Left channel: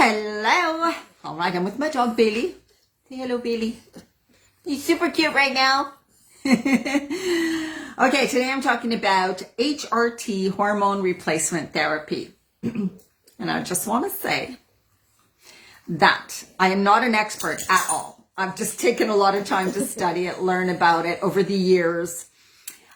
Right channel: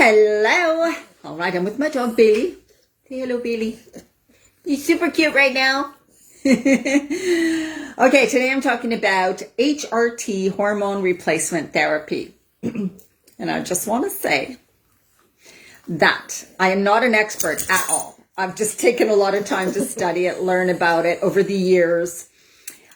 Hello. All right, I'm with my dog, Bailey. Say hello, Bailey. He's super cute right now. Okay, today I'm talking about HRT, hormone replacement therapy. And I just want to say that I am not an expert at all. I've just taken a lot of time to study it, learn about it over the years.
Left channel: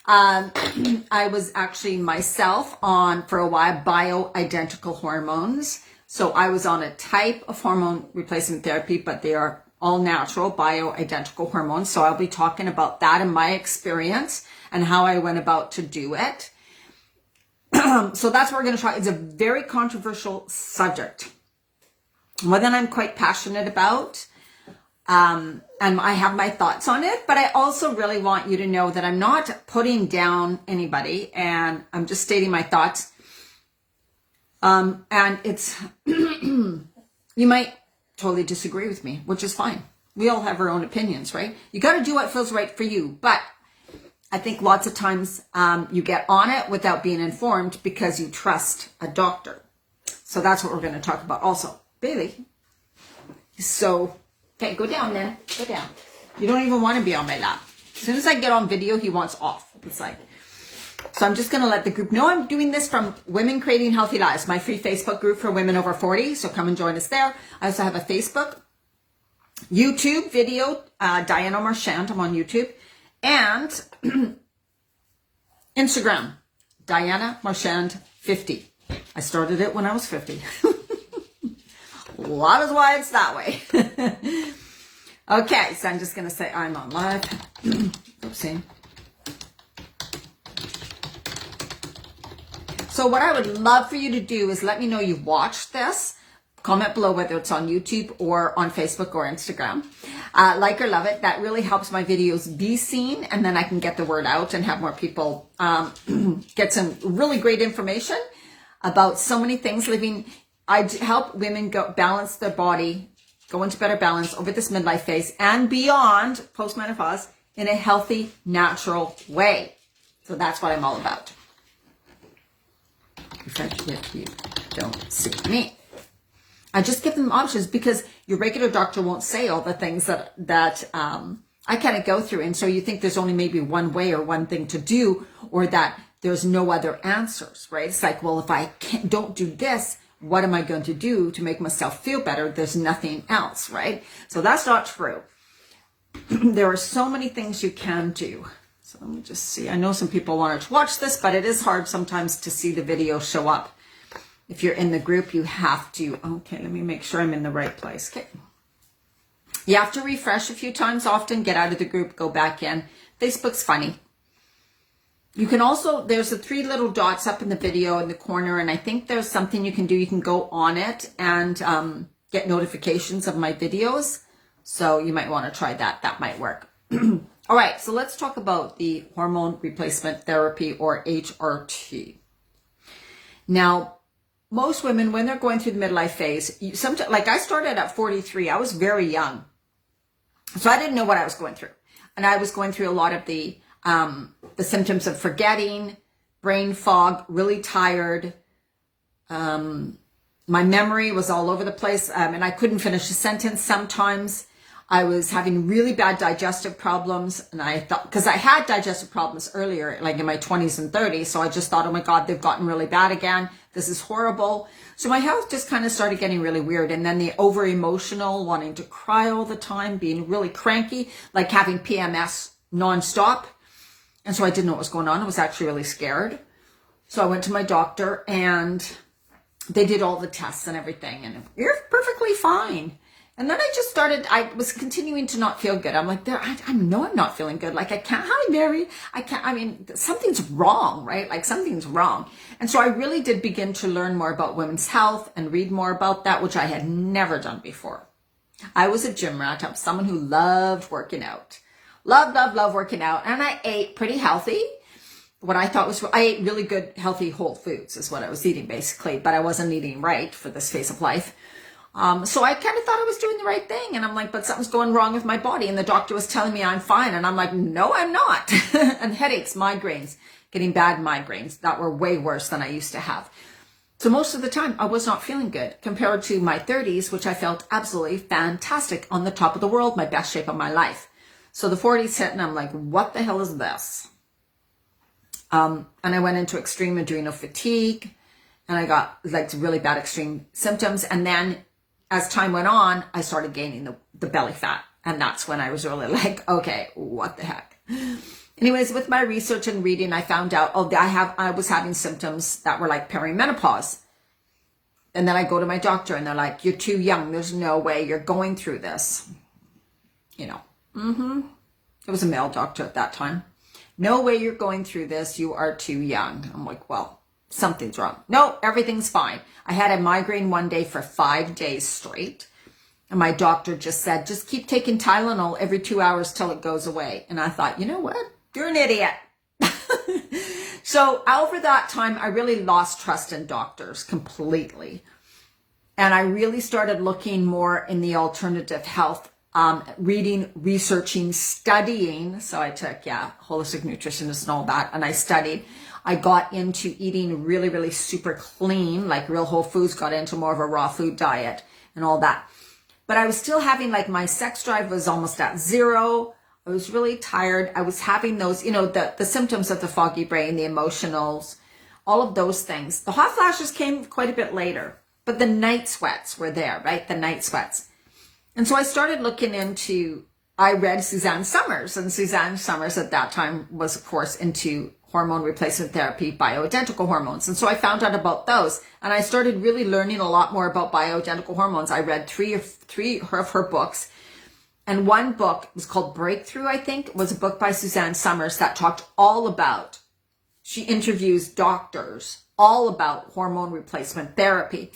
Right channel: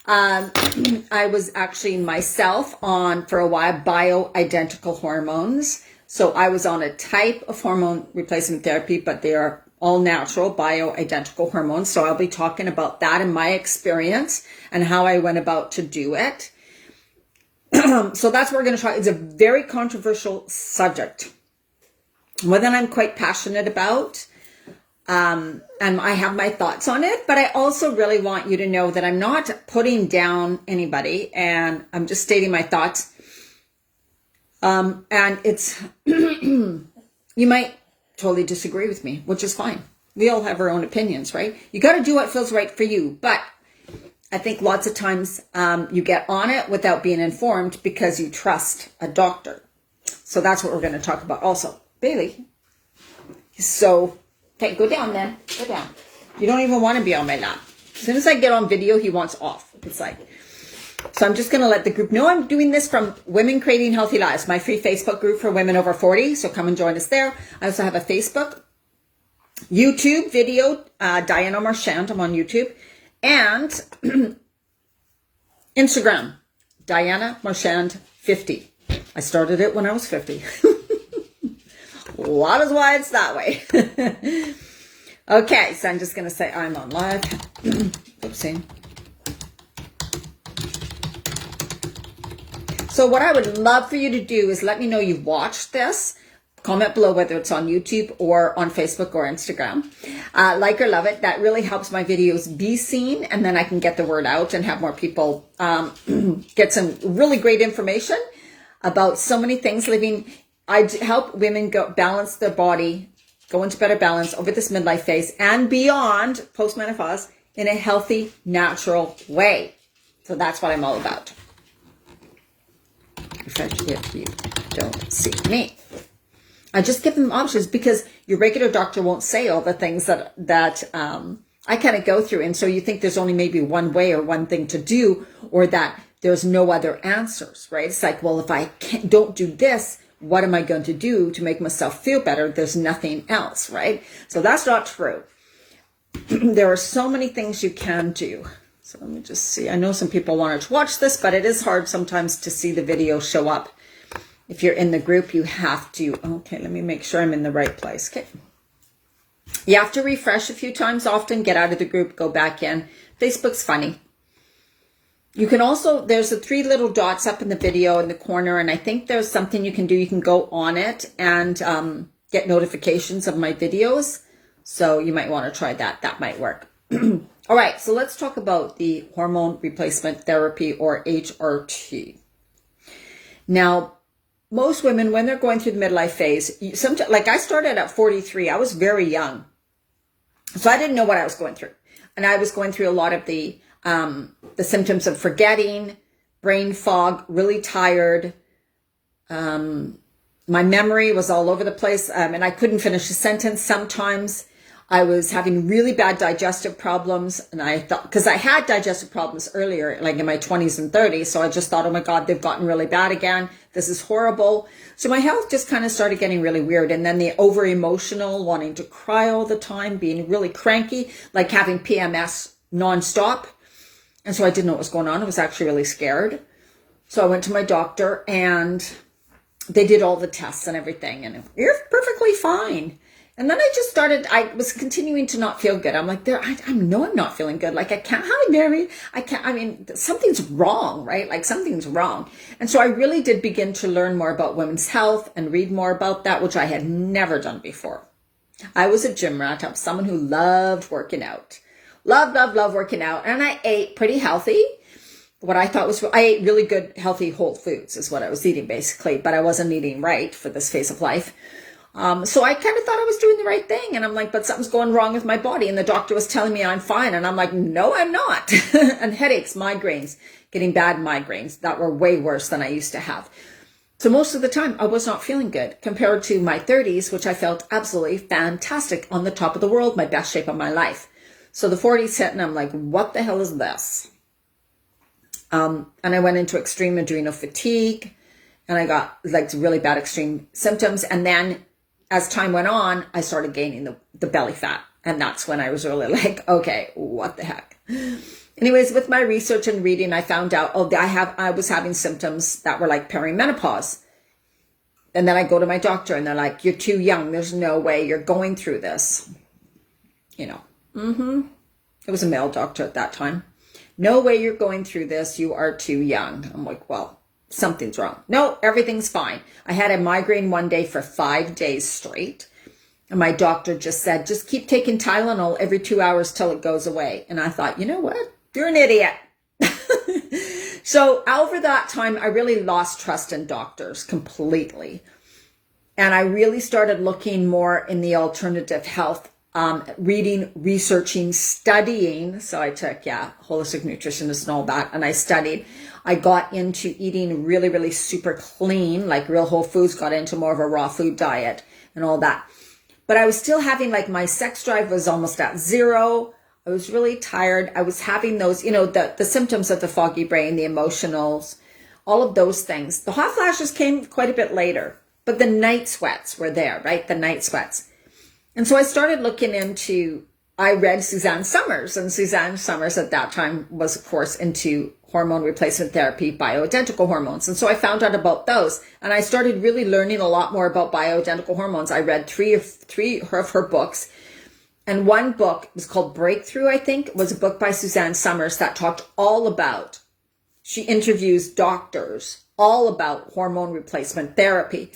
I was actually myself on, for a while, bioidentical hormones. So I was on a type of hormone replacement therapy, but they are all natural bioidentical hormones. So I'll be talking about that and my experience and how I went about to do it. So that's what we're going to try. It's a very controversial subject, one that I'm quite passionate about. And I have my thoughts on it, but I also really want you to know that I'm not putting down anybody, and I'm just stating my thoughts. And it's, you might totally disagree with me, which is fine. We all have our own opinions, right? You got to do what feels right for you. But I think lots of times, you get on it without being informed because you trust a doctor. So that's what we're going to talk about also. Bailey. So, okay, go down then. Go down. You don't even want to be on my lap. As soon as I get on video, he wants off. It's like, so I'm just going to let the group know I'm doing this from Women Creating Healthy Lives, my free Facebook group for women over 40. So come and join us there. I also have a Facebook, YouTube video, Diana Marchand. I'm on YouTube. And Instagram, Diana Marchand 50. I started it when I was 50. A lot is why it's that way. Okay, so I'm just going to say I'm on live. Oopsie. So what I would love for you to do is let me know you've watched this. Comment below whether it's on YouTube or on Facebook or Instagram. Like or love it. That really helps my videos be seen, and then I can get the word out and have more people get some really great information about so many things living. I help women balance their body, go into better balance over this midlife phase and beyond postmenopause in a healthy, natural way. So that's what I'm all about. If you don't see me. I just give them options because your regular doctor won't say all the things that I kind of go through. And so you think there's only maybe one way or one thing to do, or that there's no other answers, right? It's like, well, if I don't do this, what am I going to do to make myself feel better? There's nothing else, right? So that's not true. There are so many things you can do. So let me just see. I know some people wanted to watch this, but it is hard sometimes to see the video show up. If you're in the group, you have to. Okay, let me make sure I'm in the right place. Okay. You have to refresh a few times often, get out of the group, go back in. Facebook's funny. You can also, there's the 3 little dots up in the video in the corner, and I think there's something you can do. You can go on it and get notifications of my videos. So you might want to try that. That might work. All right, so let's talk about the hormone replacement therapy, or HRT. Now, most women, when they're going through the midlife phase, sometimes, like I started at 43, I was very young. So I didn't know what I was going through. And I was going through a lot of the symptoms of forgetting, brain fog, really tired. My memory was all over the place, and I couldn't finish a sentence sometimes. I was having really bad digestive problems, and I thought, because I had digestive problems earlier, like in my 20s and 30s, so I just thought, oh my God, they've gotten really bad again. This is horrible. So my health just kind of started getting really weird. And then the over-emotional, wanting to cry all the time, being really cranky, like having PMS nonstop. And so I didn't know what was going on. I was actually really scared. So I went to my doctor, and they did all the tests and everything, and you're perfectly fine. And then I was continuing to not feel good. I'm like, I know I'm not feeling good. Like, something's wrong, right? Like, something's wrong. And so I really did begin to learn more about women's health and read more about that, which I had never done before. I was a gym rat. I was someone who loved working out. Loved working out. And I ate pretty healthy. I ate really good, healthy, whole foods is what I was eating, basically. But I wasn't eating right for this phase of life. So I kind of thought I was doing the right thing. And I'm like, but something's going wrong with my body. And the doctor was telling me I'm fine. And I'm like, no, I'm not. And headaches, migraines, getting bad migraines that were way worse than I used to have. So most of the time I was not feeling good compared to my 30s, which I felt absolutely fantastic, on the top of the world, my best shape of my life. So the 40s hit and I'm like, what the hell is this? And I went into extreme adrenal fatigue and I got like really bad extreme symptoms. And then as time went on, I started gaining the belly fat. And that's when I was really like, okay, what the heck? Anyways, with my research and reading, I found out, I was having symptoms that were like perimenopause. And then I go to my doctor and they're like, you're too young. There's no way you're going through this. You know, it was a male doctor at that time. No way you're going through this. You are too young. I'm like, well, something's wrong. No, everything's fine. I had a migraine one day for 5 days straight. And my doctor just said, just keep taking Tylenol every 2 hours till it goes away. And I thought, you know what? You're an idiot. So over that time, I really lost trust in doctors completely. And I really started looking more in the alternative health, reading, researching, studying. So I took, holistic nutritionist and all that. And I studied. I got into eating really, really super clean, like real whole foods, got into more of a raw food diet and all that. But I was still having, like, my sex drive was almost at zero. I was really tired. I was having those, the symptoms of the foggy brain, the emotionals, all of those things. The hot flashes came quite a bit later, but the night sweats were there, right? The night sweats. And so I started looking into, I read Suzanne Summers, and Suzanne Summers at that time was, of course, into hormone replacement therapy, bioidentical hormones. And so I found out about those, and I started really learning a lot more about bioidentical hormones. I read three of her books. And one book was called Breakthrough, I think. It was a book by Suzanne Summers that talked all about, she interviews doctors, all about hormone replacement therapy.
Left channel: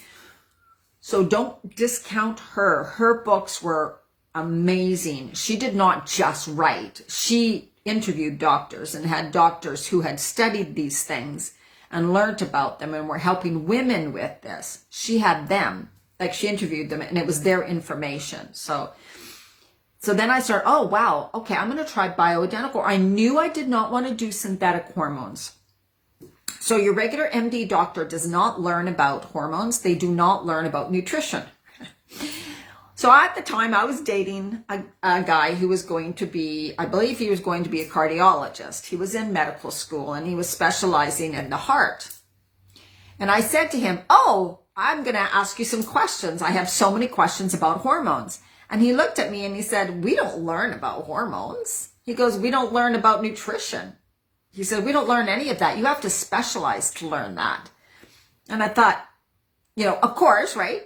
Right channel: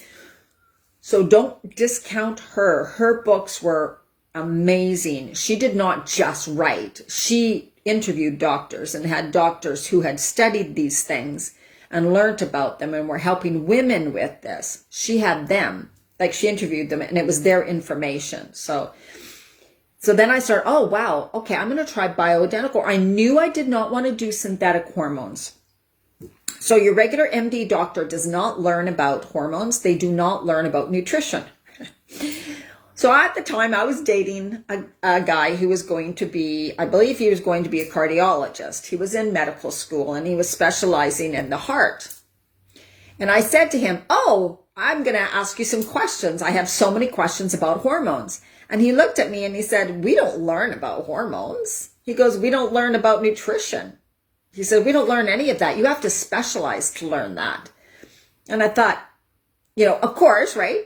So don't discount her. Her books were amazing. She did not just write. She interviewed doctors and had doctors who had studied these things and learned about them and were helping women with this. She had them, like she interviewed them, and it was their information. So then I started, oh, wow, okay, I'm going to try bioidentical. I knew I did not want to do synthetic hormones. So your regular MD doctor does not learn about hormones. They do not learn about nutrition. So at the time I was dating a guy who was going to be, I believe he was going to be a cardiologist. He was in medical school and he was specializing in the heart. And I said to him, oh, I'm going to ask you some questions. I have so many questions about hormones. And he looked at me and he said, we don't learn about hormones. He goes, we don't learn about nutrition. He said, we don't learn any of that. You have to specialize to learn that. And I thought, of course, right?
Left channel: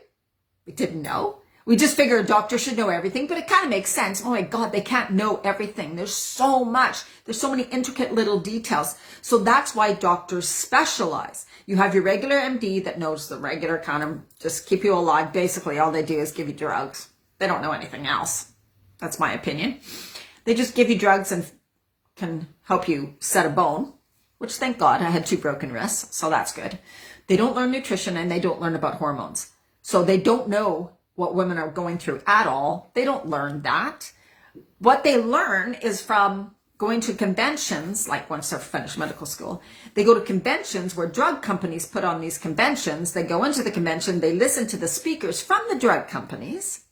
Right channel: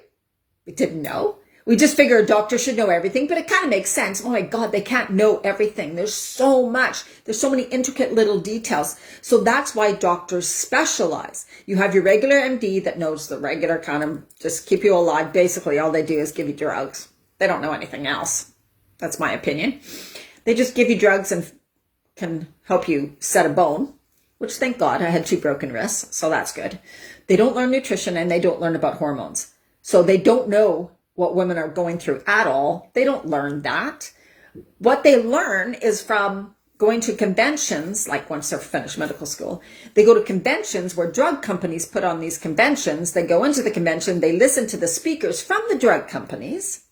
We didn't know. We just figured a doctor should know everything, but it kind of makes sense. Oh my God, they can't know everything. There's so much. There's so many intricate little details. So that's why doctors specialize. You have your regular MD that knows the regular kind of just keep you alive. Basically, all they do is give you drugs. They don't know anything else. That's my opinion. They just give you drugs and can help you set a bone, which thank God I had 2 broken wrists, so that's good. They don't learn nutrition and they don't learn about hormones. So they don't know what women are going through at all. They don't learn that. What they learn is from going to conventions, like once they're finished medical school, they go to conventions where drug companies put on these conventions. They go into the convention, they listen to the speakers from the drug companies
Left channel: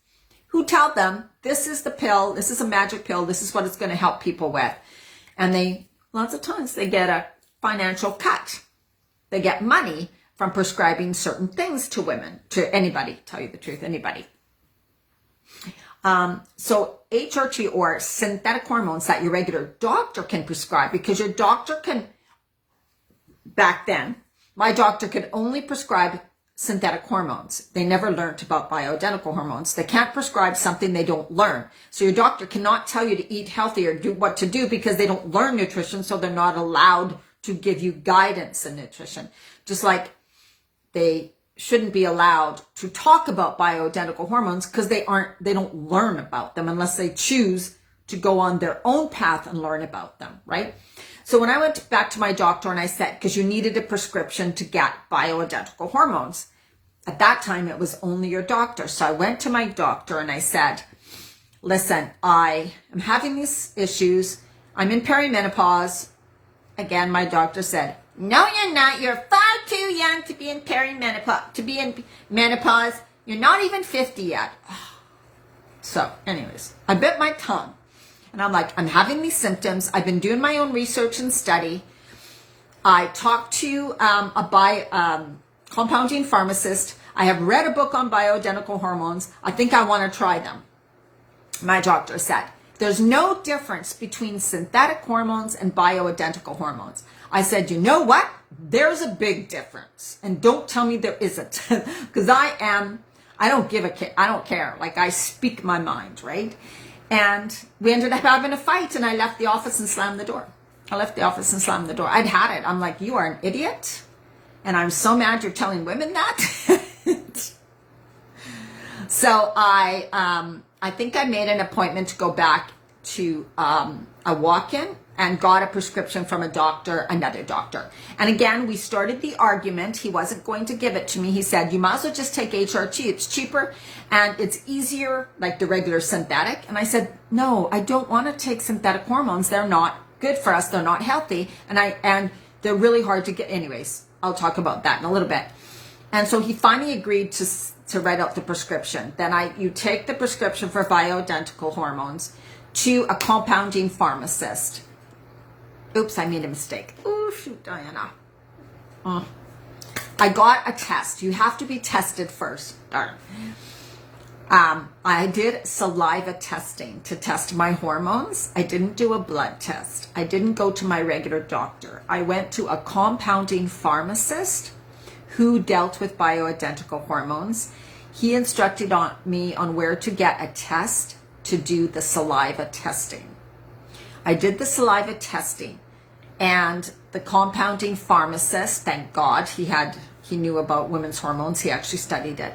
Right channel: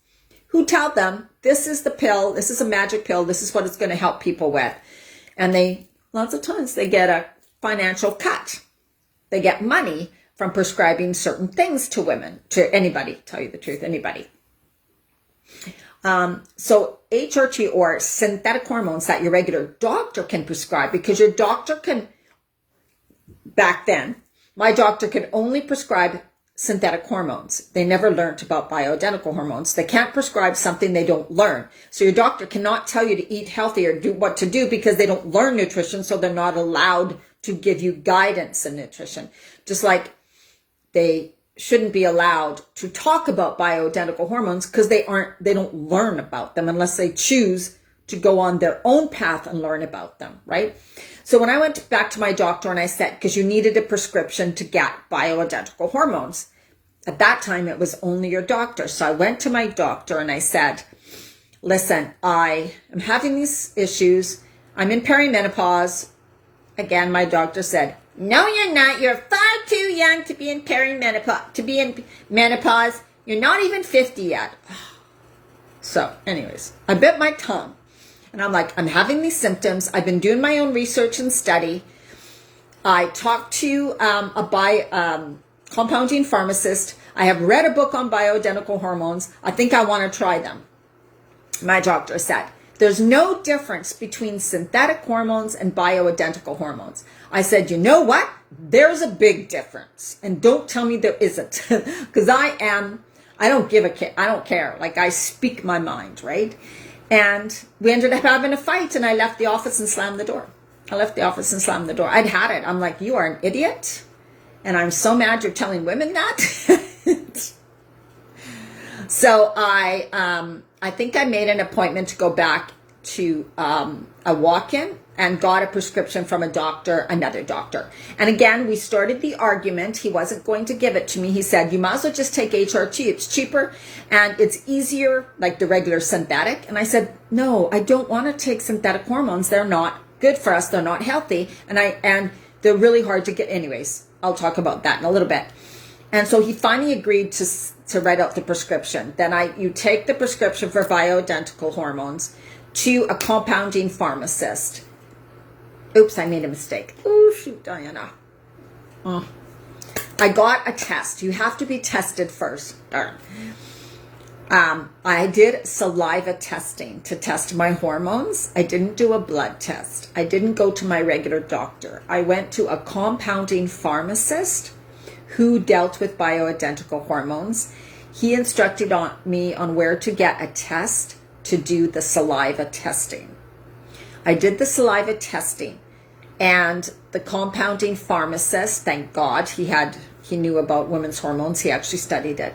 who tell them, this is the pill, this is a magic pill, this is what it's going to help people with. And lots of times they get a financial cut. They get money from prescribing certain things to women, to anybody, tell you the truth, anybody. So HRT or synthetic hormones that your regular doctor can prescribe, because your doctor can, back then, my doctor could only prescribe synthetic hormones. They never learned about bioidentical hormones. They can't prescribe something they don't learn. So your doctor cannot tell you to eat healthy or do what to do because they don't learn nutrition, so they're not allowed to give you guidance in nutrition. Just like they shouldn't be allowed to talk about bioidentical hormones because they don't learn about them unless they choose to go on their own path and learn about them, right? So when I went back to my doctor and I said, because you needed a prescription to get bioidentical hormones, at that time it was only your doctor. So I went to my doctor and I said, listen, I am having these issues. I'm in perimenopause. Again, my doctor said, No, you're not. You're far too young to be in perimenopause, to be in menopause. You're not even 50 yet. So, anyways, I bit my tongue. And I'm like, I'm having these symptoms. I've been doing my own research and study. I talked to a compounding pharmacist. I have read a book on bioidentical hormones. I think I want to try them. My doctor said, there's no difference between synthetic hormones and bioidentical hormones. I said, you know what? There's a big difference. And don't tell me there isn't. Because I don't give a care. I don't care. Like, I speak my mind, right? And we ended up having a fight, and I left the office and slammed the door. I'd had it. I'm like, you are an idiot. And I'm so mad you're telling women that. So I think I made an appointment to go back to a walk-in and got a prescription from another doctor. And again, we started the argument. He wasn't going to give it to me. He said, you might as well just take HRT. It's cheaper and it's easier, like the regular synthetic. And I said, no, I don't want to take synthetic hormones. They're not good for us. They're not healthy. And they're really hard to get. Anyways, I'll talk about that in a little bit. And so he finally agreed to write out the prescription. Then you take the prescription for bioidentical hormones to a compounding pharmacist. Oops, I made a mistake. Oh, shoot, Diana. I got a test. You have to be tested first. Darn. I did saliva testing to test my hormones. I didn't do a blood test. I didn't go to my regular doctor. I went to a compounding pharmacist who dealt with bioidentical hormones. He instructed me on where to get a test to do the saliva testing. I did the saliva testing, and the compounding pharmacist, thank God, he knew about women's hormones. He actually studied it.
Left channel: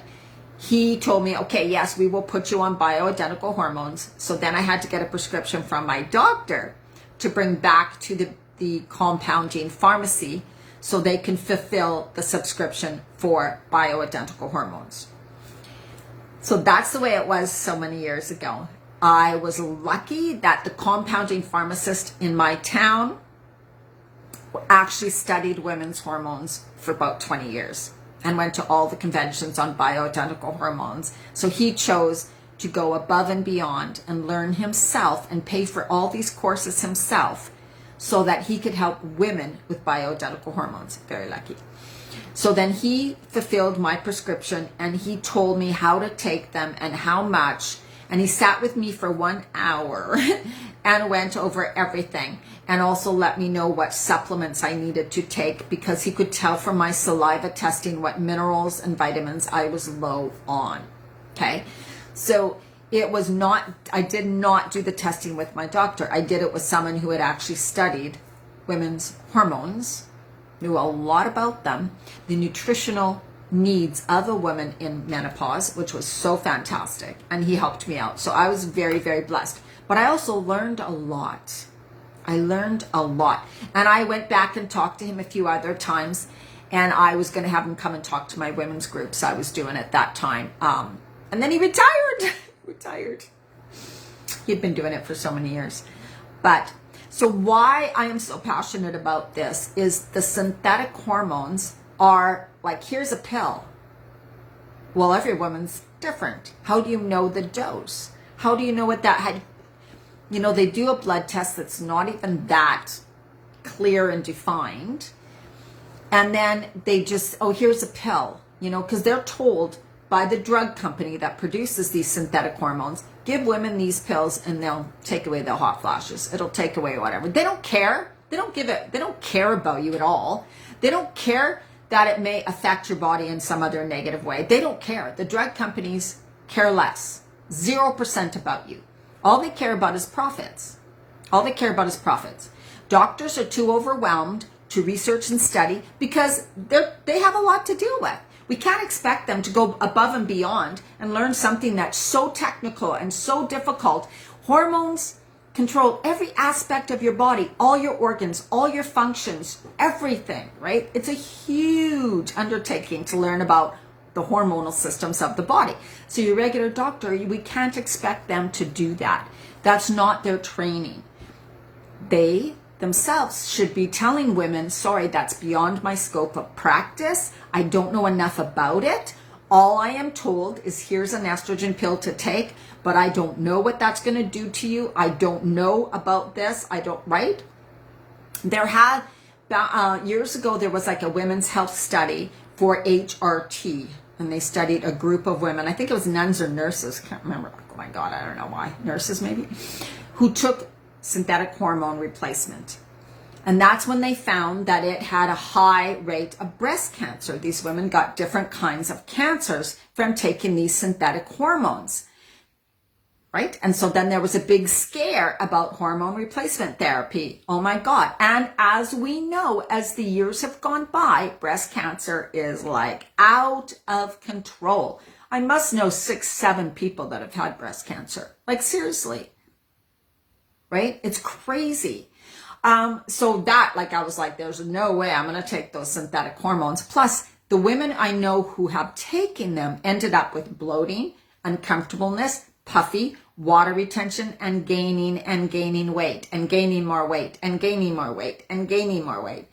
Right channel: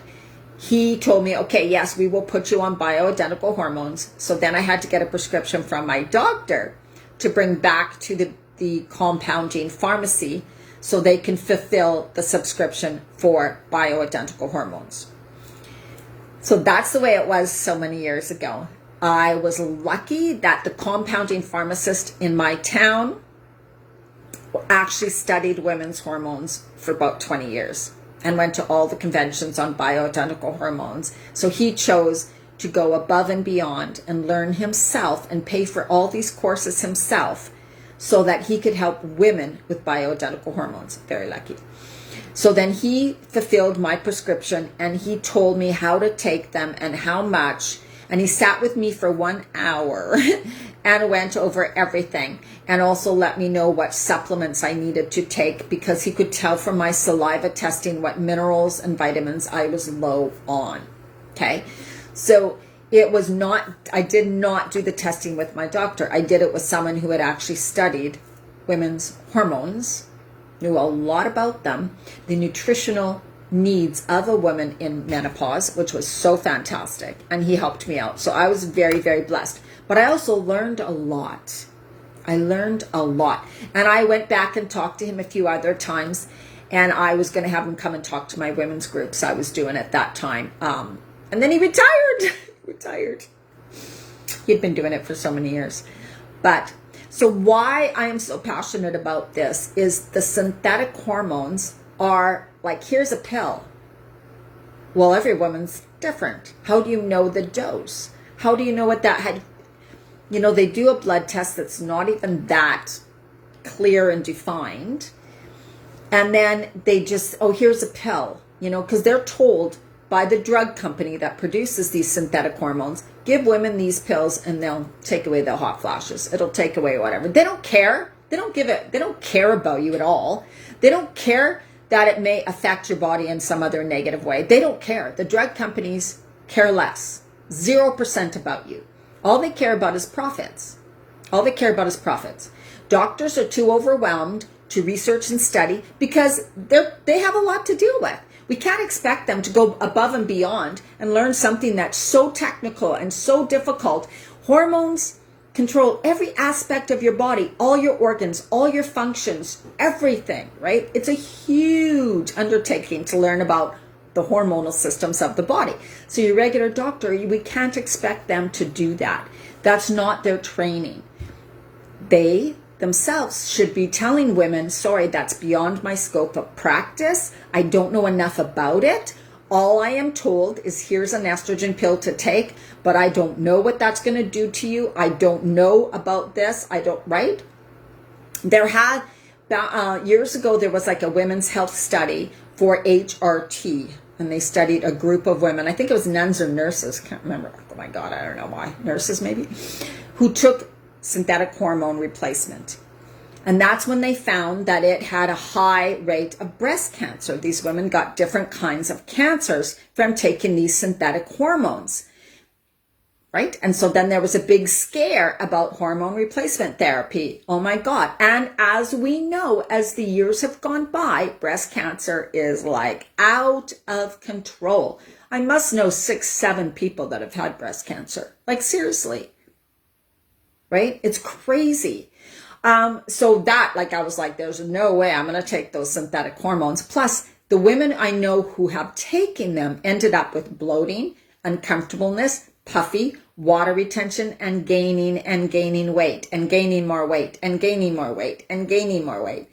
He told me, okay, yes, we will put you on bioidentical hormones. So then I had to get a prescription from my doctor to bring back to the compounding pharmacy so they can fulfill the subscription for bioidentical hormones. So that's the way it was so many years ago. I was lucky that the compounding pharmacist in my town actually studied women's hormones for about 20 years and went to all the conventions on bioidentical hormones. So he chose to go above and beyond and learn himself and pay for all these courses himself so that he could help women with bioidentical hormones. Very lucky. So then he fulfilled my prescription and he told me how to take them and how much. And he sat with me for 1 hour and went over everything and also let me know what supplements I needed to take because he could tell from my saliva testing what minerals and vitamins I was low on. Okay. So I did not do the testing with my doctor. I did it with someone who had actually studied women's hormones, knew a lot about them, the nutritional needs of a woman in menopause, which was so fantastic. And he helped me out. So I was very, very blessed. But I also learned a lot. And I went back and talked to him a few other times. And I was going to have him come and talk to my women's groups I was doing at that time. And then he retired. He'd been doing it for so many years. But so why I am so passionate about this is the synthetic hormones are like, here's a pill. Well, every woman's different. How do you know the dose? How do you know what that, they do a blood test that's not even that clear and defined. And then they just, here's a pill, because they're told by the drug company that produces these synthetic hormones, give women these pills and they'll take away the hot flashes. It'll take away whatever. They don't care. They don't care about you at all. They don't care that it may affect your body in some other negative way. They don't care. The drug companies care less. 0% about you. All they care about is profits. Doctors are too overwhelmed to research and study because they have a lot to deal with. We can't expect them to go above and beyond and learn something that's so technical and so difficult. Hormones control every aspect of your body, all your organs, all your functions, everything, right? It's a huge undertaking to learn about the hormonal systems of the body. So your regular doctor, we can't expect them to do that. That's not their training. The themselves should be telling women, sorry, that's beyond my scope of practice. I don't know enough about it. All I am told is here's an estrogen pill to take, but I don't know what that's going to do to you. I don't know about this. Right? There had, years ago, there was like a women's health study for HRT, and they studied a group of women. I think it was nuns or nurses. Can't remember. Oh my God, I don't know why. Nurses maybe, who took synthetic hormone replacement. And that's when they found that it had a high rate of breast cancer. These women got different kinds of cancers from taking these synthetic hormones, right? And so then there was a big scare about hormone replacement therapy. Oh my God. And as we know, as the years have gone by, breast cancer is like out of control. I must know 6, 7 people that have had breast cancer. Like seriously, right? It's crazy. So that, like, I was like, there's no way I'm going to take those synthetic hormones. Plus, the women I know who have taken them ended up with bloating, uncomfortableness, puffy, water retention, and gaining weight, and gaining more weight, and gaining more weight, and gaining more weight.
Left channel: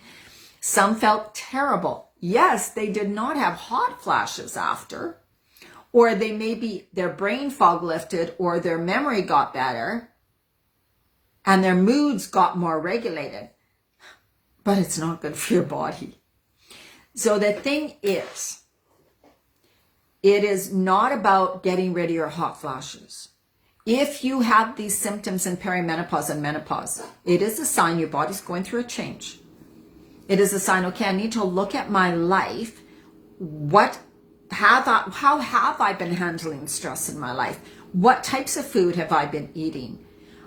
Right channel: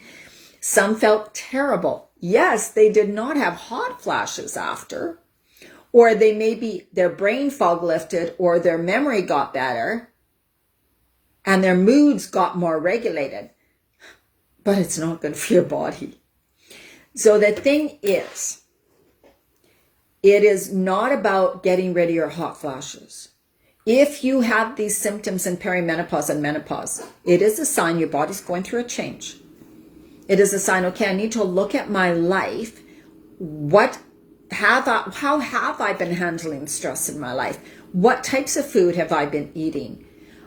Some felt terrible. Yes, they did not have hot flashes after, or they maybe their brain fog lifted, or their memory got better, and their moods got more regulated, but it's not good for your body. So the thing is, it is not about getting rid of your hot flashes. If you have these symptoms in perimenopause and menopause, it is a sign your body's going through a change. It is a sign, okay, I need to look at my life. How have I been handling stress in my life? What types of food have I been eating?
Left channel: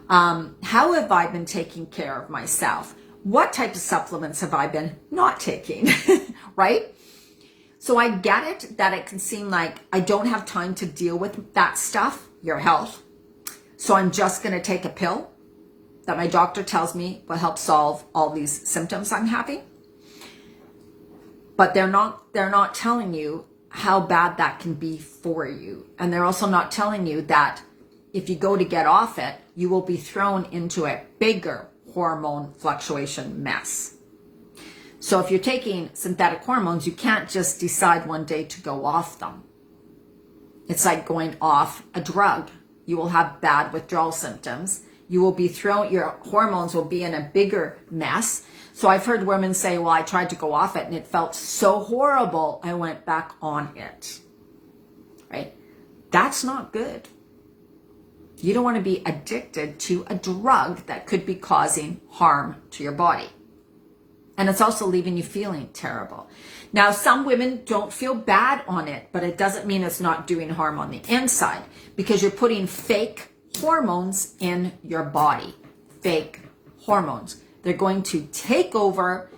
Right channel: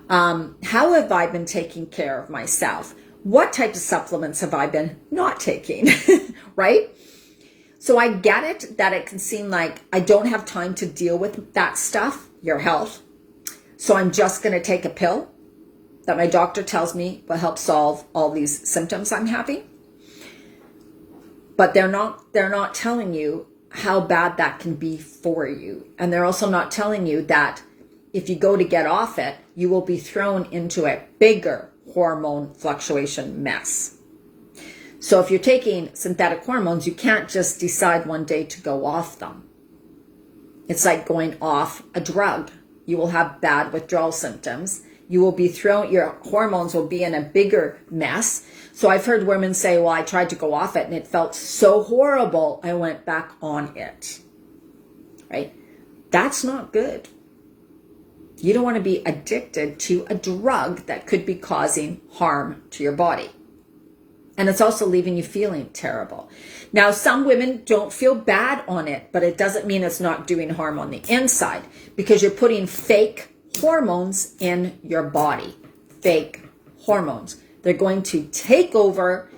How have I been taking care of myself? What type of supplements have I been not taking? Right? So I get it that it can seem like I don't have time to deal with that stuff, your health. So I'm just going to take a pill that my doctor tells me will help solve all these symptoms I'm having. But they're not telling you how bad that can be for you. And they're also not telling you that if you go to get off it, you will be thrown into a bigger hormone fluctuation mess. So if you're taking synthetic hormones, you can't just decide one day to go off them. It's like going off a drug. You will have bad withdrawal symptoms. You will be thrown, your hormones will be in a bigger mess. So I've heard women say, well, I tried to go off it and it felt so horrible, I went back on it. Right? That's not good. You don't want to be addicted to a drug that could be causing harm to your body. And it's also leaving you feeling terrible. Now, some women don't feel bad on it, but it doesn't mean it's not doing harm on the inside because you're putting fake hormones in your body. Fake hormones. They're going to take over.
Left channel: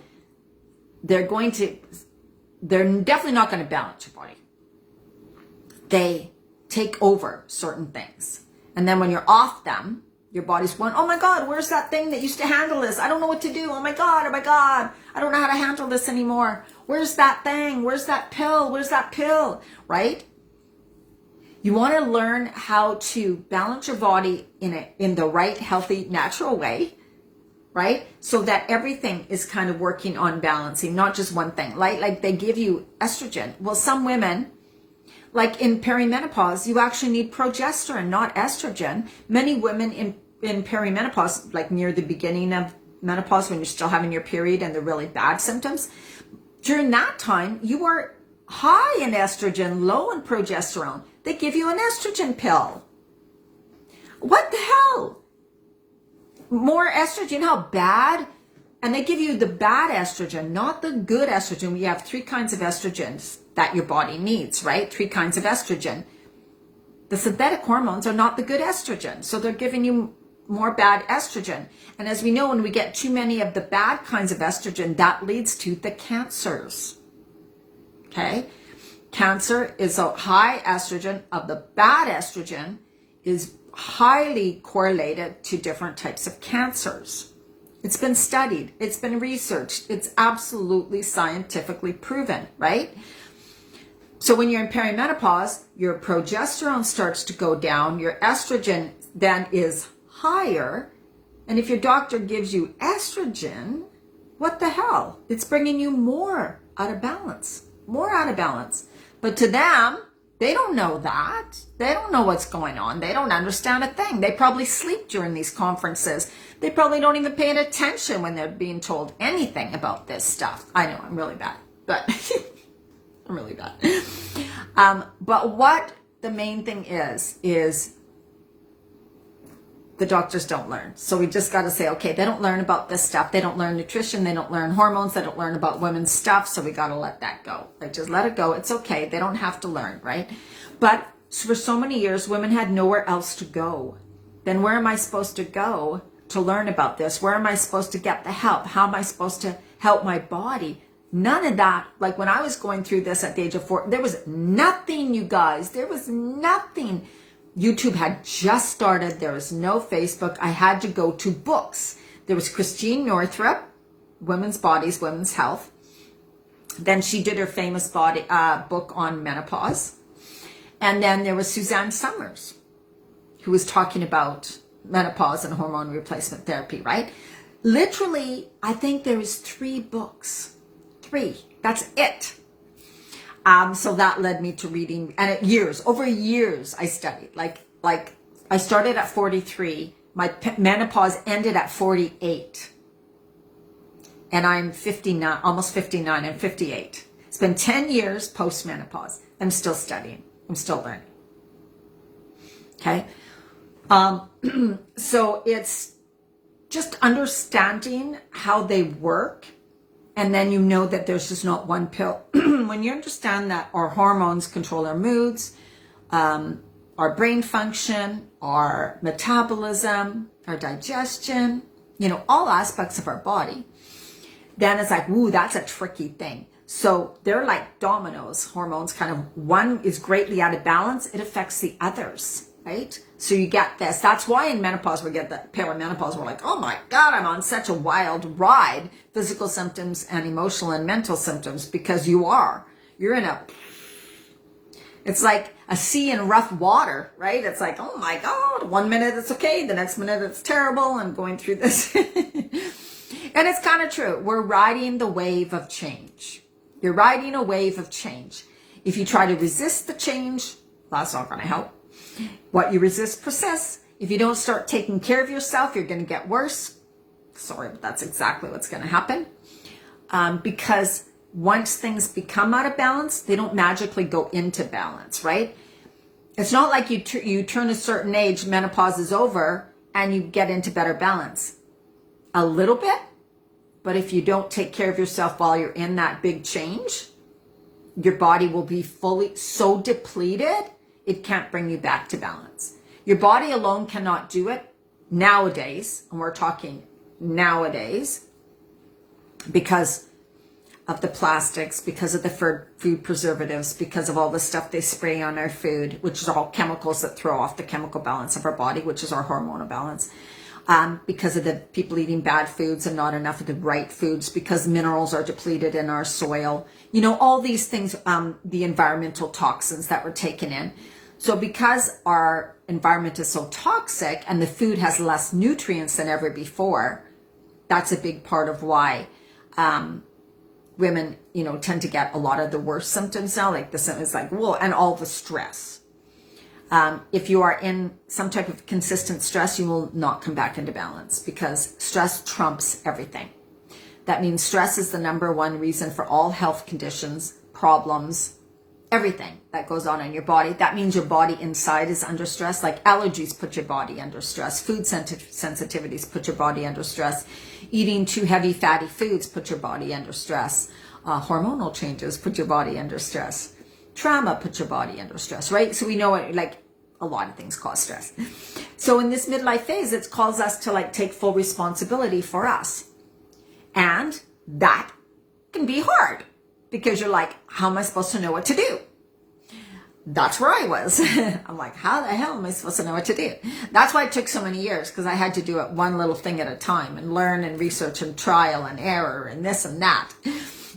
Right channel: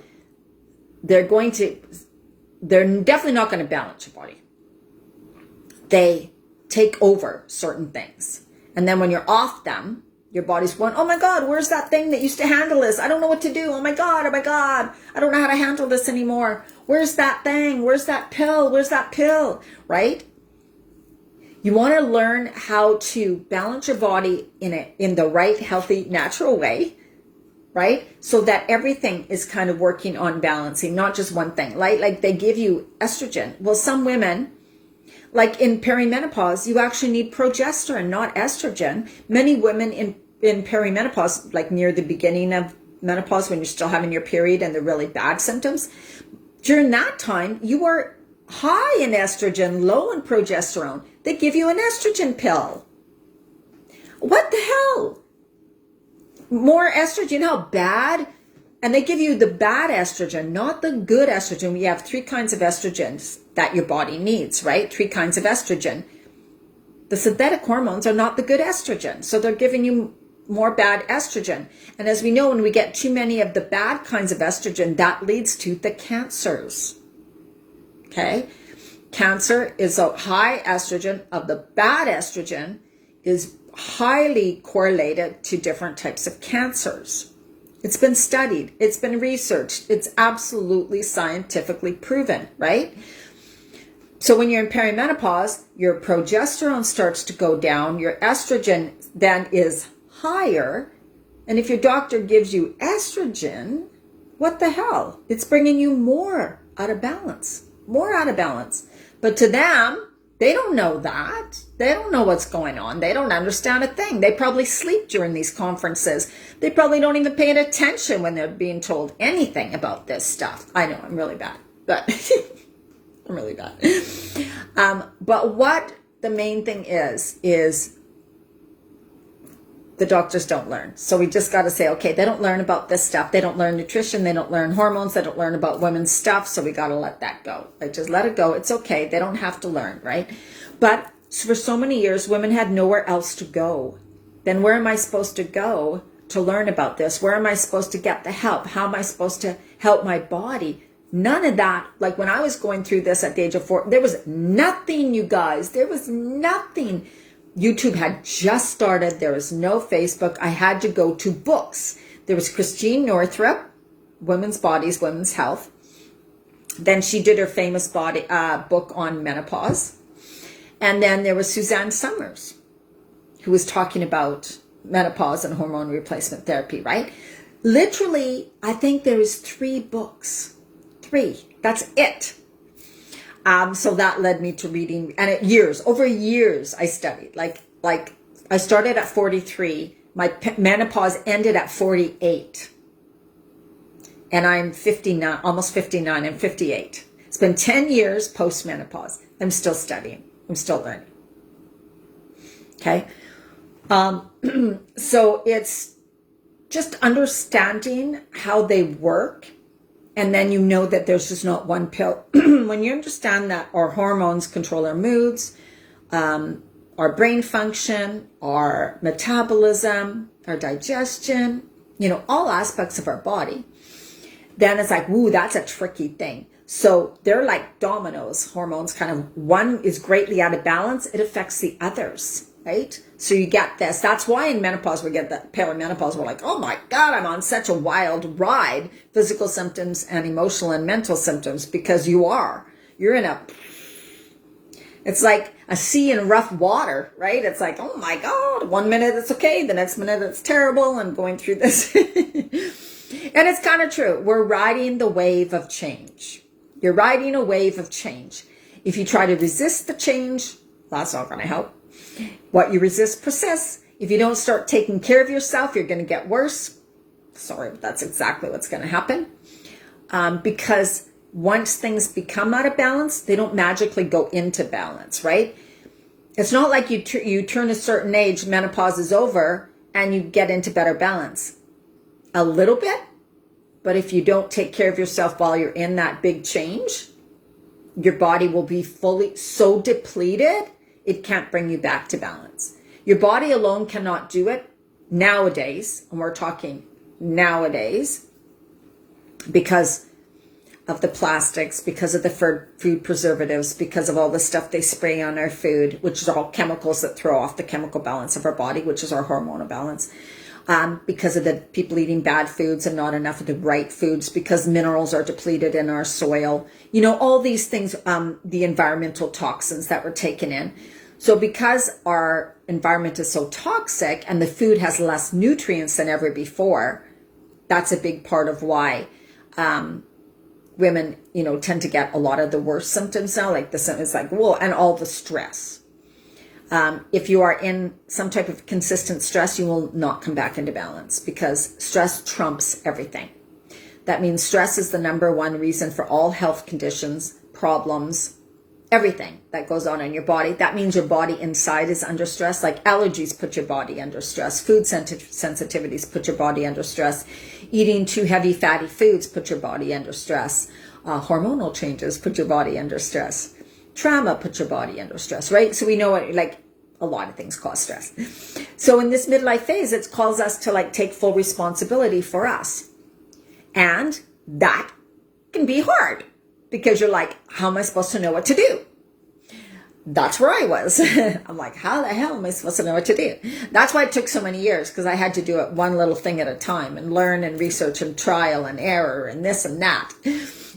They're definitely not going to balance your body. They take over certain things. And then when you're off them, your body's going, oh my God, where's that thing that used to handle this? I don't know what to do. Oh my God, I don't know how to handle this anymore. Where's that thing? Where's that pill? Where's that pill? Right? You want to learn how to balance your body in the right, healthy, natural way, right? So that everything is kind of working on balancing, not just one thing. Like they give you estrogen. Well, some women, like in perimenopause, you actually need progesterone, not estrogen. Many women in perimenopause, like near the beginning of menopause, when you're still having your period and the really bad symptoms, during that time, you are high in estrogen, low in progesterone. They give you an estrogen pill. What the hell? More estrogen, how bad? And they give you the bad estrogen, not the good estrogen. We have 3 kinds of estrogens that your body needs, right? 3 kinds of estrogen. The synthetic hormones are not the good estrogen. So they're giving you more bad estrogen. And as we know, when we get too many of the bad kinds of estrogen, that leads to the cancers. Okay? Cancer is a high estrogen of the bad estrogen is highly correlated to different types of cancers. It's been studied. It's been researched. It's absolutely scientifically proven, right? So when you're in perimenopause, your progesterone starts to go down. Your estrogen then is higher. And if your doctor gives you estrogen, what the hell? It's bringing you more out of balance, more out of balance. But to them, they don't know that. They don't know what's going on. They don't understand a thing. They probably sleep during these conferences. They probably don't even pay attention when they're being told anything about this stuff. I know, I'm really bad, but I'm really bad. But what the main thing is the doctors don't learn. So we just got to say, okay, they don't learn about this stuff. They don't learn nutrition. They don't learn hormones. They don't learn about women's stuff. So we got to let that go. Like, just let it go. It's okay. They don't have to learn, right? But for so many years, women had nowhere else to go. Then where am I supposed to go to learn about this? Where am I supposed to get the help? How am I supposed to help my body? None of that. Like, when I was going through this at the age of 4, there was nothing, you guys. There was nothing. YouTube had just started. There was no Facebook. I had to go to books. There was Christine Northrup, Women's Bodies, Women's Health. Then she did her famous book on menopause. And then there was Suzanne Summers, who was talking about menopause and hormone replacement therapy, right? Literally, I think there was 3 books. 3. That's it. So that led me to reading, and over years, I studied. Like I started at 43. My menopause ended at 48. And I'm 59, almost 59. I'm 58. It's been 10 years post-menopause. I'm still studying. I'm still learning. Okay? So it's just understanding how they work. And then you know that there's just not one pill. When you understand that our hormones control our moods, our brain function, our metabolism, our digestion, all aspects of our body, then it's like, ooh, that's a tricky thing. So they're like dominoes. Hormones kind of, one is greatly out of balance. It affects the others, right? So you get this. That's why in menopause, we get the perimenopause. We're like, oh my God, I'm on such a wild ride. Physical symptoms and emotional and mental symptoms, because you're in it's like a sea in rough water, right? It's like, oh my God, 1 minute it's okay. The next minute it's terrible. I'm going through this. And it's kind of true. We're riding the wave of change. You're riding a wave of change. If you try to resist the change, that's not going to help. What you resist persists. If you don't start taking care of yourself, you're going to get worse. Sorry, but that's exactly what's going to happen. Because once things become out of balance, they don't magically go into balance, right? It's not like you turn a certain age, menopause is over, and you get into better balance. A little bit, but if you don't take care of yourself while you're in that big change, your body will be fully so depleted, it can't bring you back to balance. Your body alone cannot do it nowadays, and we're talking nowadays, because of the plastics, because of the food preservatives, because of all the stuff they spray on our food, which is all chemicals that throw off the chemical balance of our body, which is our hormonal balance. Because of the people eating bad foods and not enough of the right foods, because minerals are depleted in our soil. All these things, the environmental toxins that we're taking in. So because our environment is so toxic and the food has less nutrients than ever before, that's a big part of why women, tend to get a lot of the worst symptoms now, like the symptoms like, and all the stress. If you are in some type of consistent stress, you will not come back into balance, because stress trumps everything. That means stress is the number one reason for all health conditions, problems, everything that goes on in your body. That means your body inside is under stress. Like allergies put your body under stress. Food sensitivities put your body under stress. Eating too heavy fatty foods put your body under stress. Hormonal changes put your body under stress. Trauma put your body under stress, right? So we know it, like a lot of things cause stress. So in this midlife phase, it calls us to take full responsibility for us. And that can be hard, because you're like, how am I supposed to know what to do? That's where I was. I'm like, how the hell am I supposed to know what to do? That's why it took so many years, because I had to do it one little thing at a time and learn and research and trial and error and this and that.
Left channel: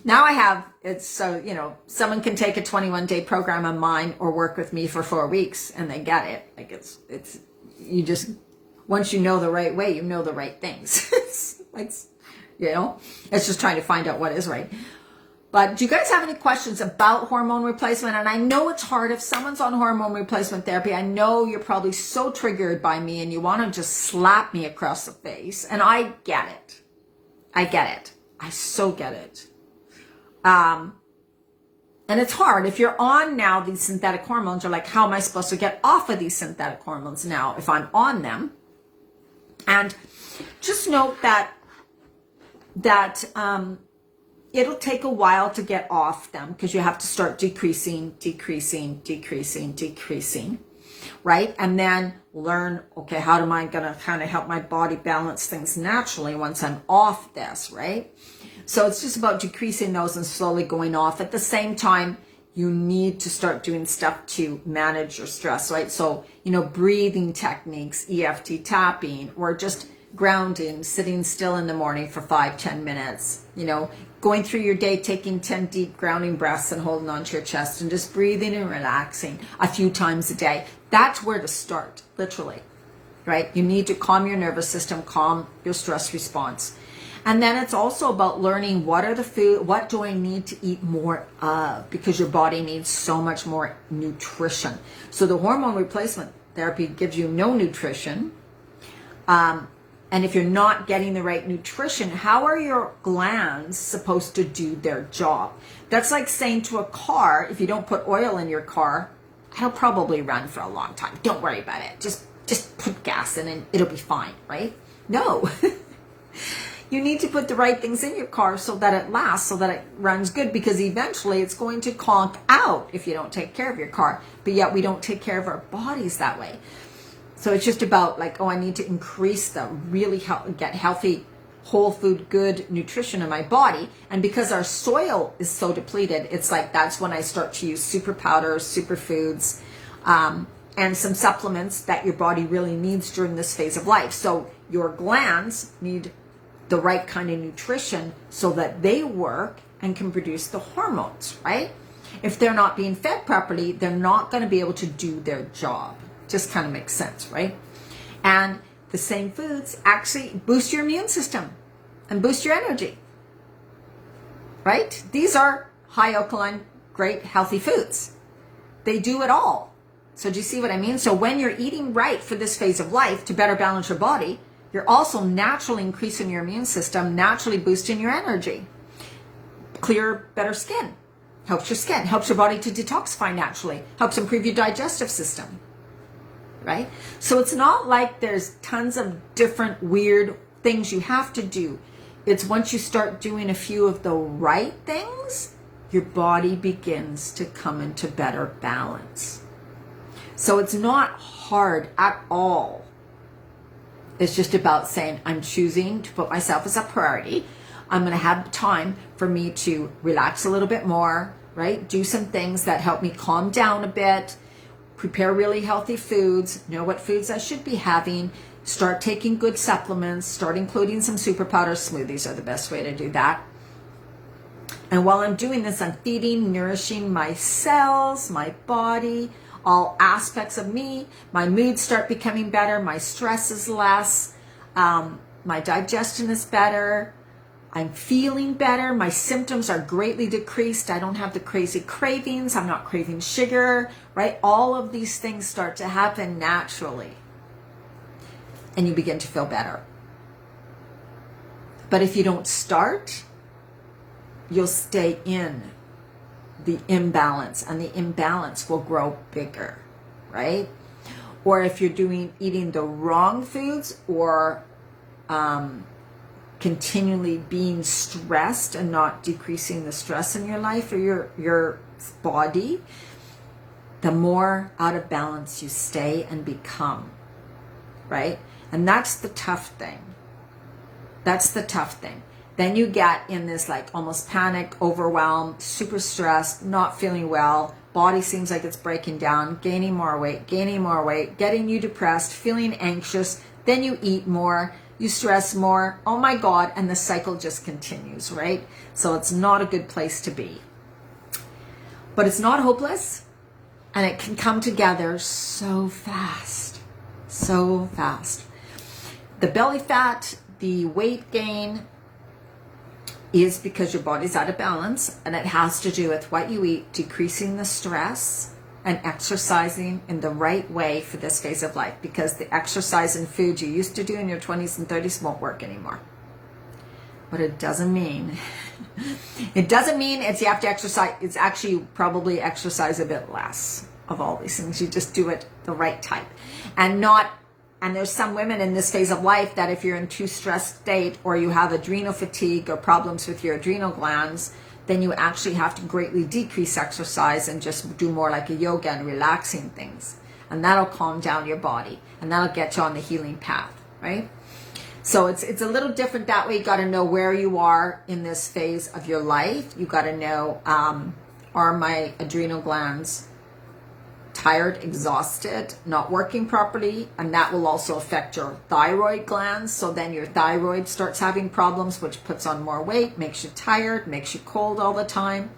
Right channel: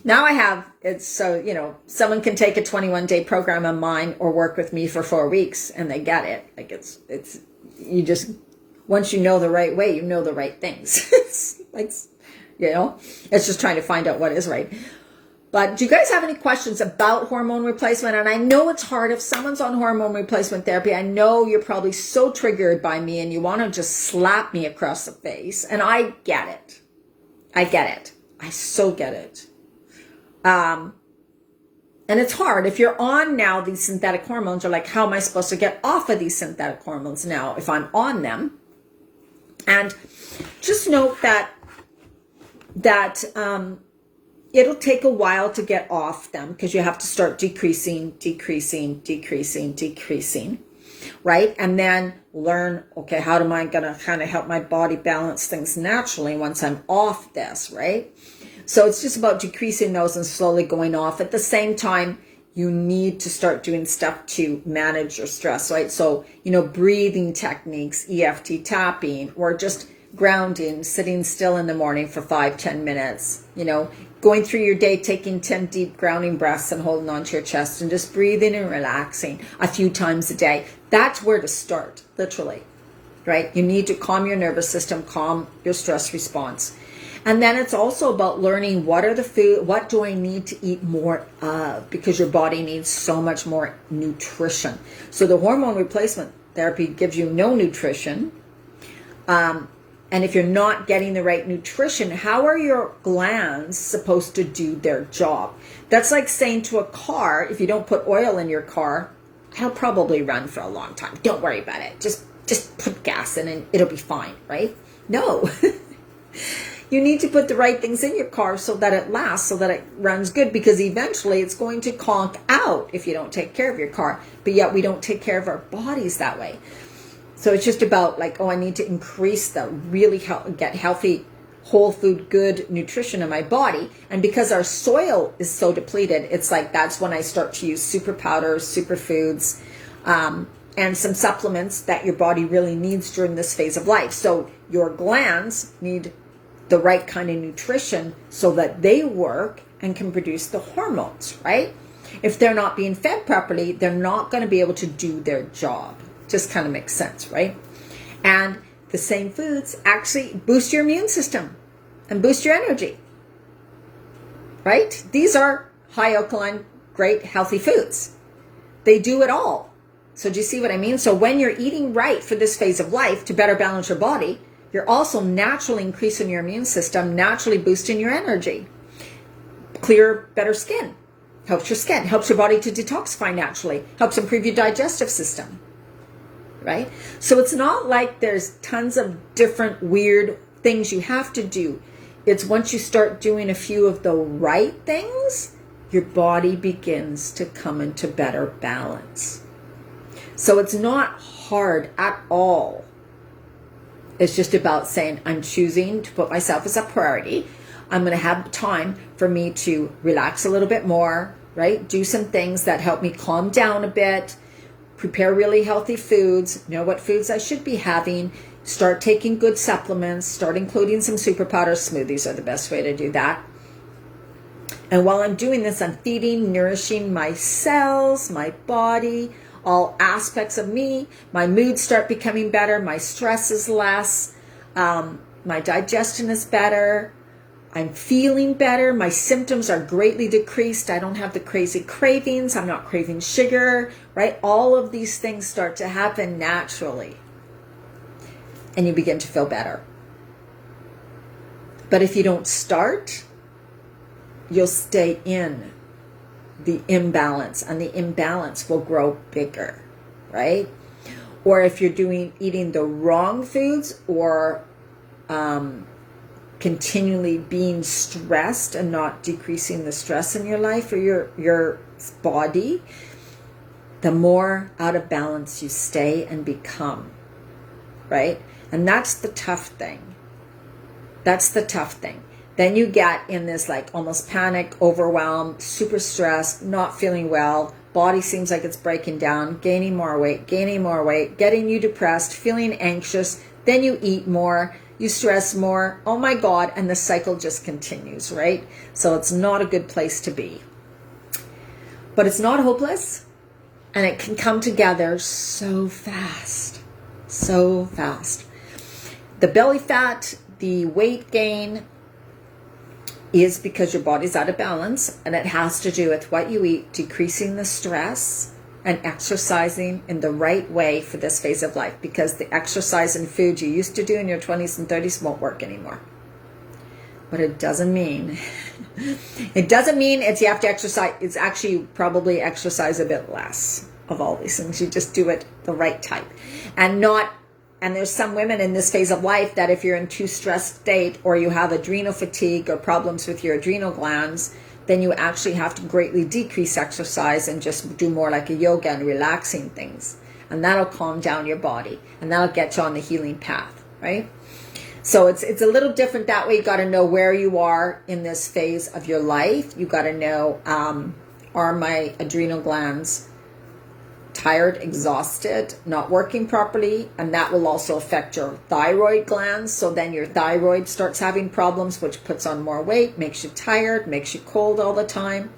Now I have, it's so, someone can take a 21-day program of mine or work with me for 4 weeks and they get it. Like you just once you know the right way, you know the right things. It's like, you know, it's just trying to find out what is right. But do you guys have any questions about hormone replacement? And I know it's hard if someone's on hormone replacement therapy. I know you're probably so triggered by me and you want to just slap me across the face. And I get it. I get it. I so get it. And it's hard. If you're on now these synthetic hormones, you're like, how am I supposed to get off of these synthetic hormones now if I'm on them? And just note that it'll take a while to get off them because you have to start decreasing, right? And then learn, okay, how am I going to kind of help my body balance things naturally once I'm off this, right? So it's just about decreasing those and slowly going off. At the same time, you need to start doing stuff to manage your stress, right? So, you know, breathing techniques, EFT tapping, or just grounding, sitting still in the morning for 5-10 minutes, you know, going through your day, taking 10 deep grounding breaths and holding onto your chest and just breathing and relaxing a few times a day. That's where to start, literally, right? You need to calm your nervous system, calm your stress response. And then it's also about learning what do I need to eat more of, because your body needs so much more nutrition. So the hormone replacement therapy gives you no nutrition. And if you're not getting the right nutrition, how are your glands supposed to do their job? That's like saying to a car, if you don't put oil in your car, it'll probably run for a long time. Don't worry about it. Just put gas in and it'll be fine, right? No. You need to put the right things in your car so that it lasts, so that it runs good, because eventually it's going to conk out if you don't take care of your car. But yet we don't take care of our bodies that way. So it's just about like, oh, I need to increase get healthy, whole food, good nutrition in my body. And because our soil is so depleted, it's like that's when I start to use super powders, superfoods, and some supplements that your body really needs during this phase of life. So your glands need the right kind of nutrition so that they work and can produce the hormones, right? If they're not being fed properly, they're not going to be able to do their job. Just kind of makes sense, right? And the same foods actually boost your immune system and boost your energy, right? These are high alkaline, great, healthy foods. They do it all. So do you see what I mean? So when you're eating right for this phase of life to better balance your body, you're also naturally increasing your immune system, naturally boosting your energy. Clearer, better skin. Helps your skin, helps your body to detoxify naturally, helps improve your digestive system, right? So it's not like there's tons of different weird things you have to do. It's once you start doing a few of the right things, your body begins to come into better balance. So it's not hard at all. It's just about saying, I'm choosing to put myself as a priority. I'm going to have time for me to relax a little bit more, right? Do some things that help me calm down a bit, prepare really healthy foods, know what foods I should be having, start taking good supplements, start including some super powders. Smoothies are the best way to do that. And while I'm doing this, I'm feeding, nourishing my cells, my body, all aspects of me. My moods start becoming better. My stress is less. My digestion is better. I'm feeling better. My symptoms are greatly decreased. I don't have the crazy cravings. I'm not craving sugar, right? All of these things start to happen naturally. And you begin to feel better. But if you don't start, you'll stay in the imbalance, and the imbalance will grow bigger, right? Or if you're eating the wrong foods, or continually being stressed and not decreasing the stress in your life or your body, the more out of balance you stay and become, right? And that's the tough thing. That's the tough thing. Then you get in this like almost panic, overwhelmed, super stressed, not feeling well, body seems like it's breaking down, gaining more weight, getting you depressed, feeling anxious, then you eat more, you stress more, oh my God, and the cycle just continues, right? So it's not a good place to be. But it's not hopeless, and it can come together so fast, so fast. the belly fat, the weight gain is because your body's out of balance, and it has to do with what you eat, decreasing the stress, and exercising in the right way for this phase of life, because the exercise and food you used to do in your 20s and 30s won't work anymore. But it doesn't mean, it's you have to exercise. It's actually probably exercise a bit less of all these things. You just do it the right type. And there's some women in this phase of life that if you're in too stressed state, or you have adrenal fatigue or problems with your adrenal glands, then you actually have to greatly decrease exercise and just do more like a yoga and relaxing things. And that'll calm down your body, and that'll get you on the healing path, right? So it's a little different that way. You got to know where you are in this phase of your life. You got to know, are my adrenal glands tired, exhausted, not working properly? And that will also affect your thyroid glands. So then your thyroid starts having problems, which puts on more weight, makes you tired, makes you cold all the time,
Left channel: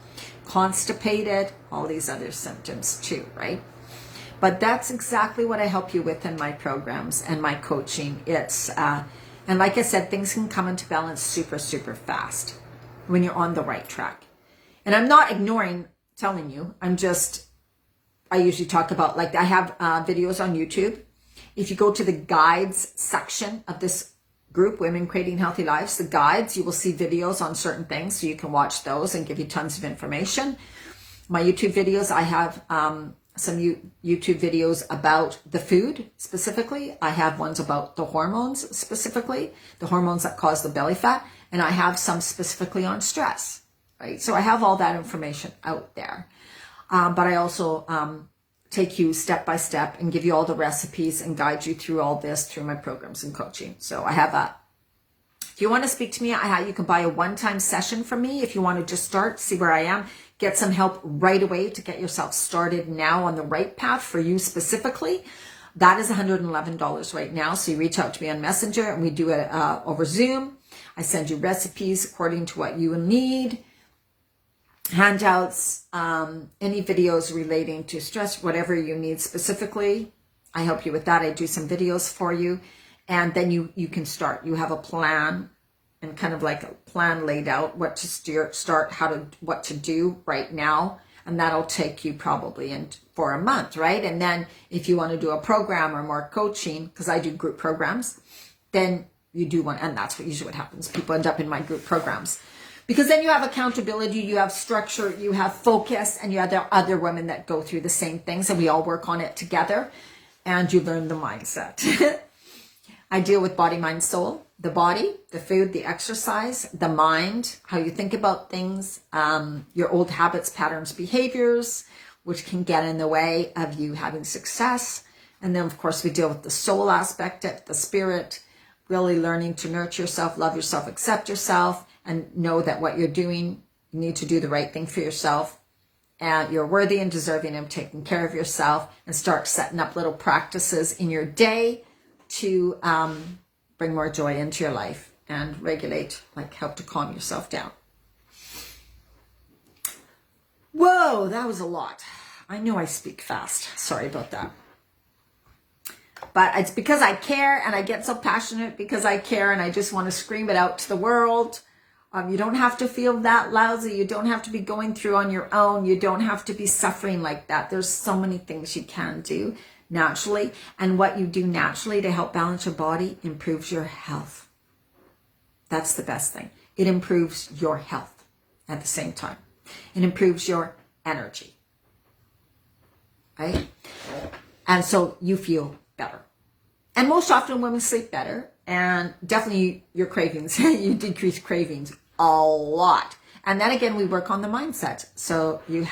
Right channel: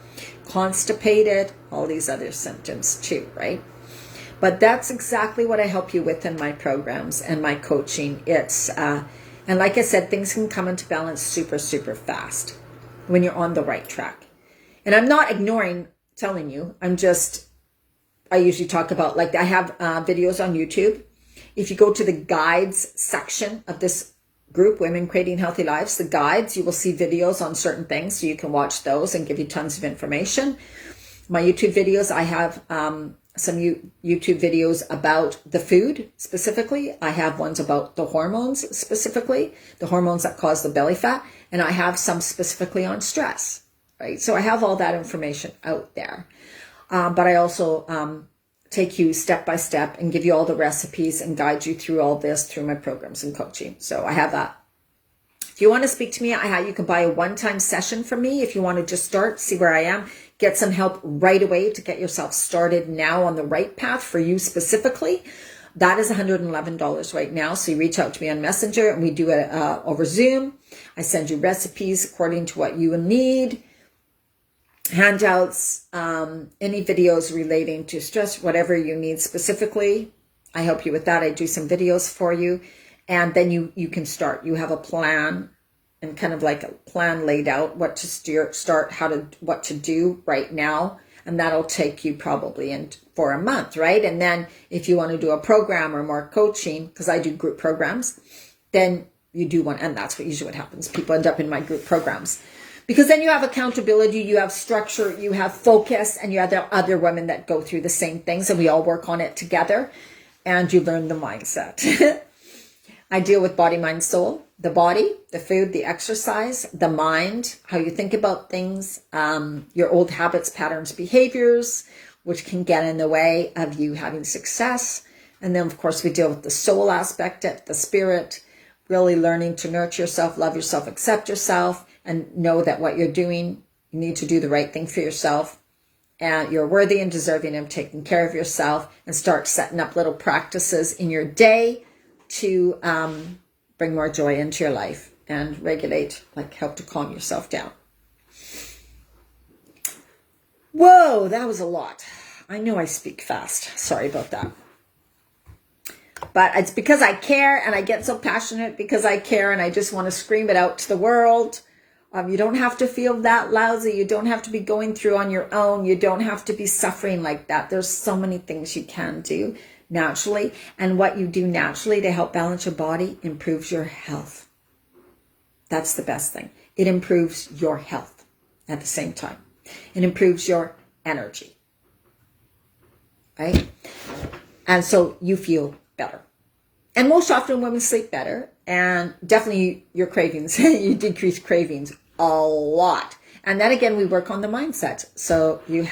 constipated, all these other symptoms too, right? But that's exactly what I help you with in my programs and my coaching. And like I said, things can come into balance super, super fast when you're on the right track. And I'm not ignoring telling you. I usually talk about, like, I have videos on YouTube. If you go to the guides section of this group, Women Creating Healthy Lives, the guides, you will see videos on certain things. So you can watch those and give you tons of information. My YouTube videos, I have some YouTube videos about the food specifically. I have ones about the hormones specifically, the hormones that cause the belly fat. And I have some specifically on stress, right? So I have all that information out there. But I also take you step by step and give you all the recipes and guide you through all this through my programs and coaching. So I have that. If you want to speak to me, you can buy a one-time session from me. If you want to just start, see where I am, get some help right away to get yourself started now on the right path for you specifically. That is $111 right now. So you reach out to me on Messenger, and we do it over Zoom. I send you recipes according to what you need, handouts, any videos relating to stress, whatever you need specifically. I help you with that. I do some videos for you, and then you can start. You have a plan, and kind of like a plan laid out, what to start, what to do right now. And that'll take you probably for a month, right? And then if you want to do a program or more coaching, because I do group programs, then you do one. And that's usually what happens. People end up in my group programs. Because then you have accountability, you have structure, you have focus, and you have the other women that go through the same things, and we all work on it together, and you learn the mindset. I deal with body, mind, soul, the body, the food, the exercise, the mind, how you think about things, your old habits, patterns, behaviors, which can get in the way of you having success. And then, of course, we deal with the soul aspect, the spirit, really learning to nurture yourself, love yourself, accept yourself, and know that what you're doing, you need to do the right thing for yourself. And you're worthy and deserving of taking care of yourself, and start setting up little practices in your day to bring more joy into your life and regulate, like help to calm yourself down. Whoa, that was a lot. I know I speak fast. Sorry about that. But it's because I care, and I get so passionate because I care, and I just want to scream it out to the world. You don't have to feel that lousy. You don't have to be going through on your own. You don't have to be suffering like that. There's so many things you can do naturally. And what you do naturally to help balance your body improves your health. That's the best thing. It improves your health at the same time. It improves your energy. Right? And so you feel better. And most often women sleep better. And definitely your cravings, you decrease cravings a lot. And then again, we work on the mindset. So you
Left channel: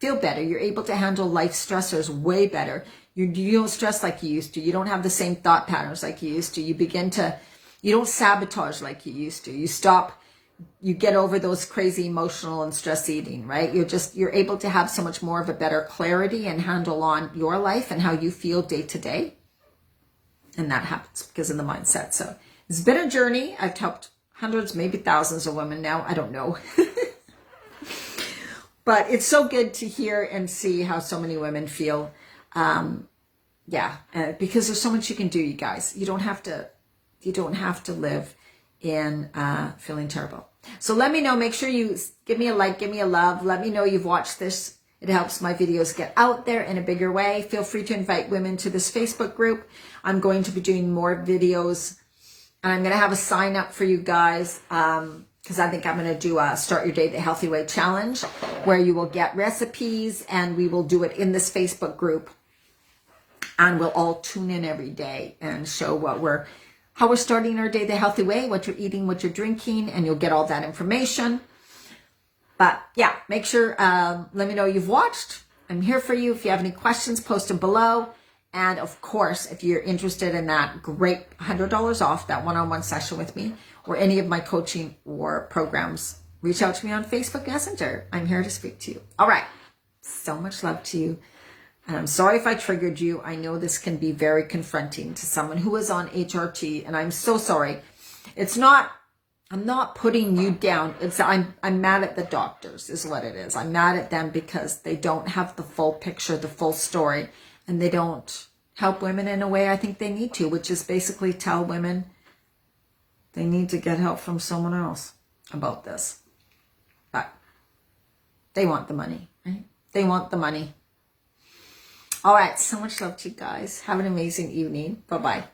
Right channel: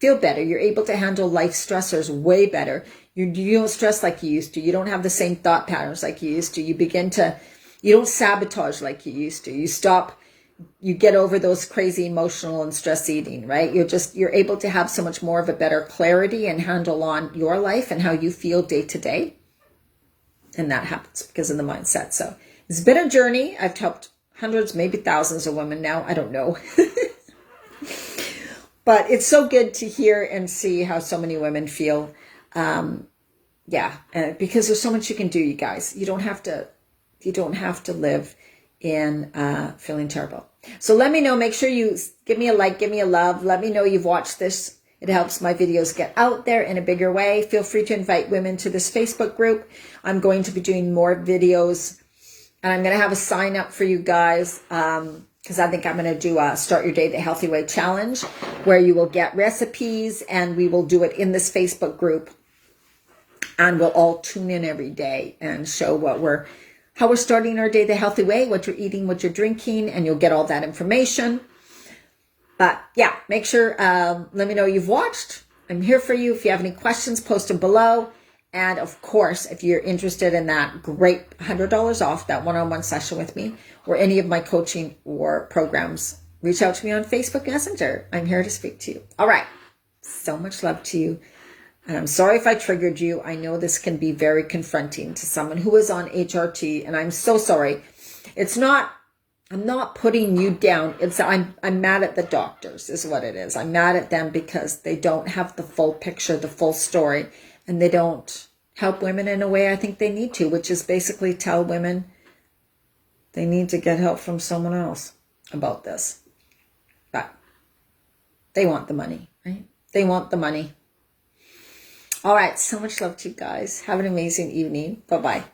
feel better. You're able to handle life stressors way better. You don't stress like you used to. You don't have the same thought patterns like you used to. You don't sabotage like you used to. You get over those crazy emotional and stress eating, right? You're able to have so much more of a better clarity and handle on your life and how you feel day to day. And that happens because of the mindset. So it's been a journey. I've helped hundreds, maybe thousands of women now. I don't know. But it's so good to hear and see how so many women feel yeah, because there's so much you can do, you guys. You don't have to live in feeling terrible. So let me know. Make sure you give me a like, give me a love. Let me know you've watched this. It helps my videos get out there in a bigger way. Feel free to invite women to this Facebook group. I'm going to be doing more videos, and I'm going to have a sign up for you guys because I think I'm going to do a Start Your Day the Healthy Way challenge where you will get recipes, and we will do it in this Facebook group, and we'll all tune in every day and show how we're starting our day the healthy way, what you're eating, what you're drinking, and you'll get all that information. But yeah, make sure, let me know you've watched. I'm here for you. If you have any questions, post them below. And of course, if you're interested in that great $100 off, that one-on-one session with me, or any of my coaching or programs, reach out to me on Facebook Messenger. I'm here to speak to you. All right. So much love to you. And I'm sorry if I triggered you. I know this can be very confronting to someone who is on HRT, and I'm so sorry. I'm not putting you down. I'm mad at the doctors is what it is. I'm mad at them because they don't have the full picture, the full story, and they don't help women in a way I think they need to, which is basically tell women they need to get help from someone else about this. But they want the money, right? They want the money. All right. So much love to you guys. Have an amazing evening. Bye-bye.